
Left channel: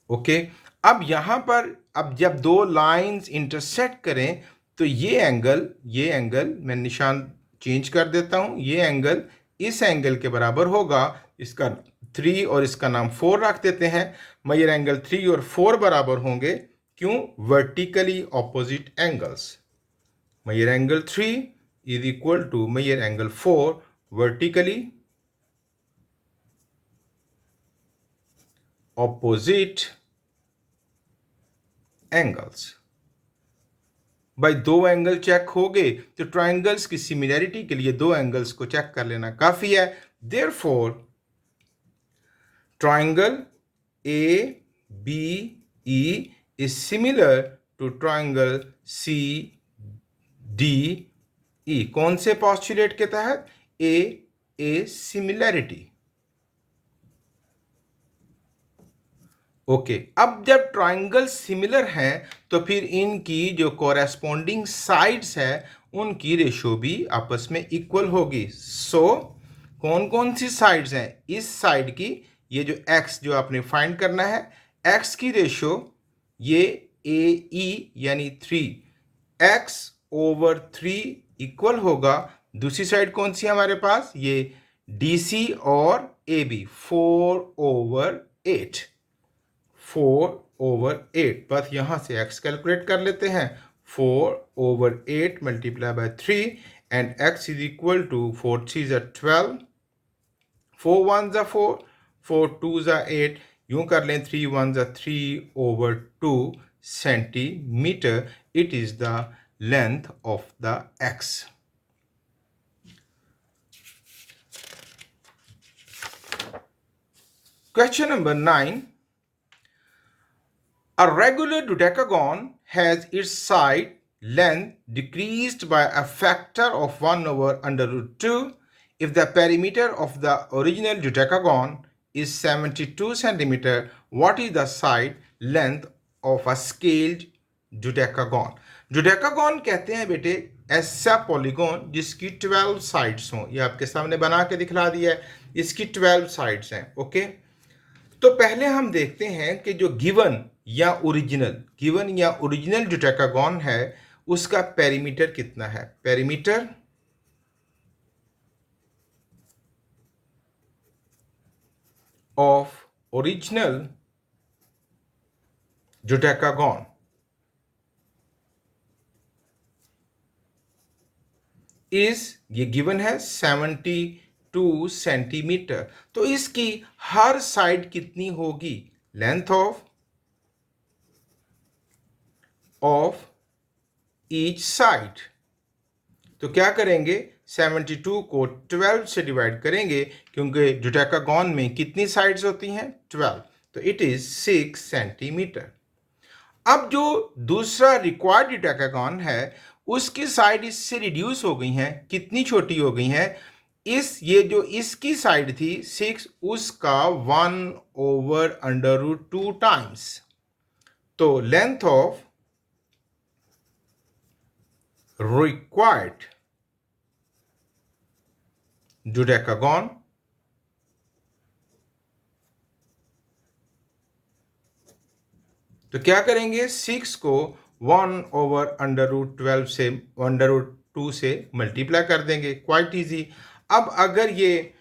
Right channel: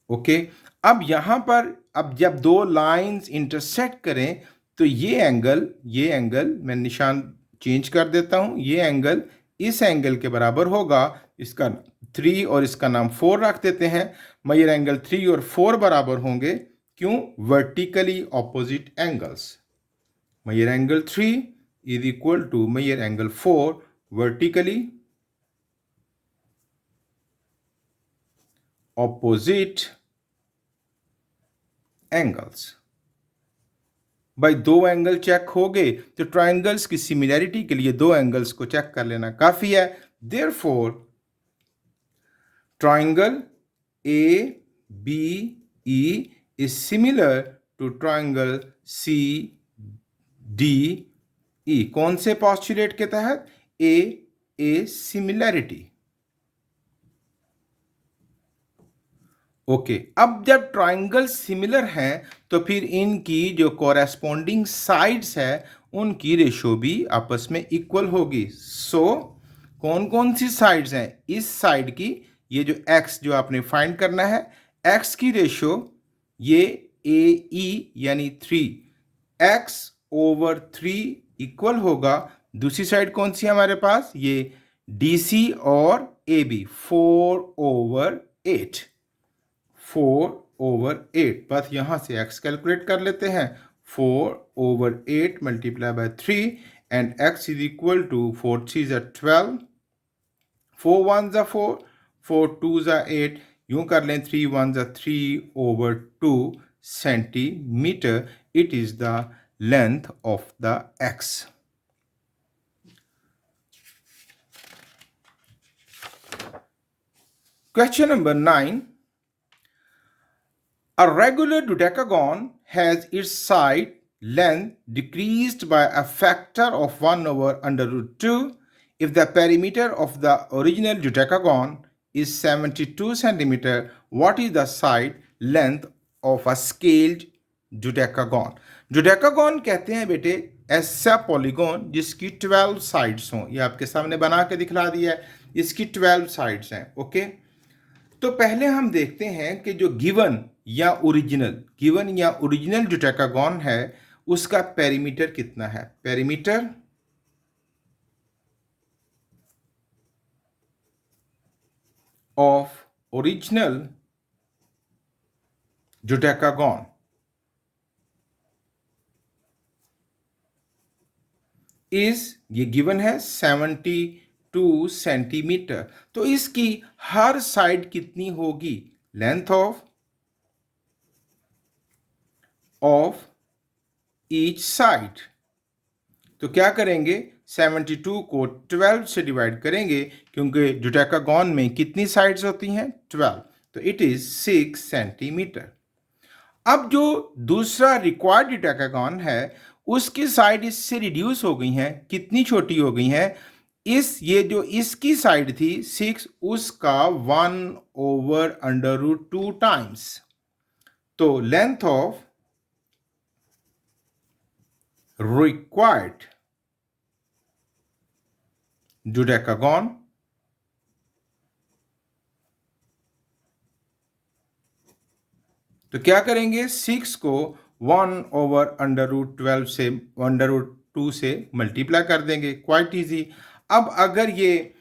ओके, अब यहां पर अब जब दो लाइंस इंटरसेक्ट करें तो ये एंगल मैं निशान चेंज कर देता हूं, ये एंगल इस एंगल के बराबर होगा। इसका 3 और इसका नाम 4 रख देते हैं। मेजर एंगल 3 और 4 बराबर होंगे, क्यों, vertically opposite angles. Measure angle 3 is equal to measure angle 4 vertically opposite angles। भाई दो एंगल चेक हो गए, तो ट्राइंगल्स की सिमिलैरिटी के लिए दो एंगल्स को चेक कर लेना काफी है। Therefore triangle A B E is similar to triangle C D E. कौन से पॉस्टुलेट के तहत, ए सिमिलैरिटी। ओके, अब जब ट्राइंगल सिमिलर हैं तो फिर इनकी जो कोरेस्पोंडिंग साइड्स है उनकी रेशो भी आपस में इक्वल होगी। सो कौन कौन सी साइड्स हैं, इस साइड की, ये जो एक्स जो आपने फाइंड करना है, एक्स की रेशो ये ए ई यानी 3x/3 इक्वल होगा। दूसरी साइड कौन सी है हमारे पास, ये DC और AB, 4/8। 4/8, बस यहां से x कैलकुलेट कर लेते हैं। 4/8 multiply by 3 and x is equal to 4 3 = 12, 4 1 = 4, 4 2 = 8, यूं कर लें 3 1 = 3/2 centimetre. It is the length of the x। Question number 9. A regular dodecagon has its side length decreased by a factor of 1/√2 if the perimeter of the original dodecagon is 72 centimeter. What is the side length of a scaled dodecagon? dodecagon कहते हैं बेटे ऐसा polygon जिसकी 12 sides हों। ये आपके सामने बना के दिखला दिया है, इसकी 12 साइड्स हैं। ओके, तो पहले हम देखते हैं कि जो गिवन या ओरिजिनल डोडेकागॉन है उसका पेरीमीटर कितना है। पेरीमीटर ऑफ ओरिजिनल डोडेकागॉन इज, ये गिवन है 72 सेंटीमीटर। तो इसकी हर साइड कितनी होगी, लेंथ ऑफ ईच साइड। तो क्या करेंगे, 72 को 12 से डिवाइड करेंगे, क्योंकि डोडेकागॉन में कितनी साइड्स होती हैं, 12, तो इट इज 6 सेंटीमीटर। अब जो दूसरा रिक्वायर्ड डोडेकागॉन है उसकी साइड इससे रिड्यूस हो गई हैं, कितनी छोटी हो गई हैं, ये जो इसकी साइड थी 6, उसका 1/√2 टाइम्स। तो लेंथ ऑफ required dodecagon तो क्या करेंगे, 6 को 1/√12 से 1/2 से मल्टीप्लाई कर देंगे, क्वाइट इजी। अब अगर ये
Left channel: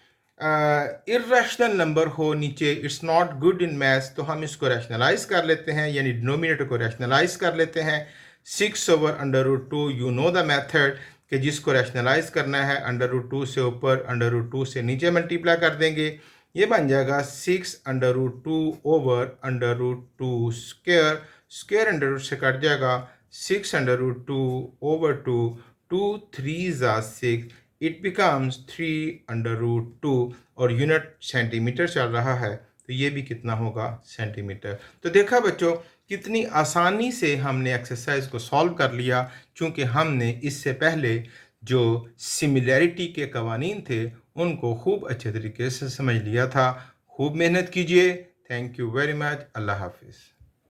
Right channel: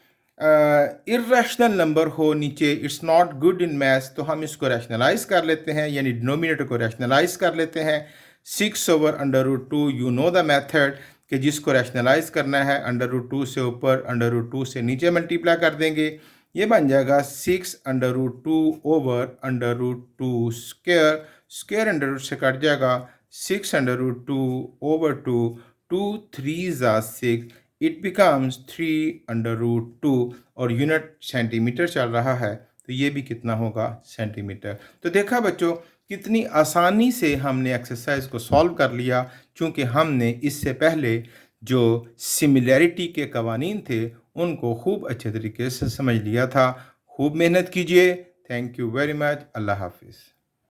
इर्रेशनल नंबर हो नीचे, it's not good in maths, तो हम इसको रैशनलाइज कर लेते हैं, यानी डिनोमिनेटर को रैशनलाइज कर लेते हैं। 6/√2, यू नो द मेथड कि जिसको रैशनलाइज करना है √2 से ऊपर, √2 से नीचे मल्टीप्लाई कर देंगे। ये बन जाएगा 6√2/√2 स्क्वायर, स्क्वायर अंडर से कट जाएगा, 6√2/2, 2 3 6, इट बिकम्स 3/√2, और यूनिट सेंटीमीटर चल रहा है, तो ये भी कितना होगा, सेंटीमीटर। तो देखा बच्चों, कितनी आसानी से हमने एक्सरसाइज को सॉल्व कर लिया, चूँकि हमने इससे पहले जो सिमिलैरिटी के कवानीन थे उनको खूब अच्छे तरीके से समझ लिया था। खूब मेहनत कीजिए। Thank you very much. अल्लाह हाफिज़।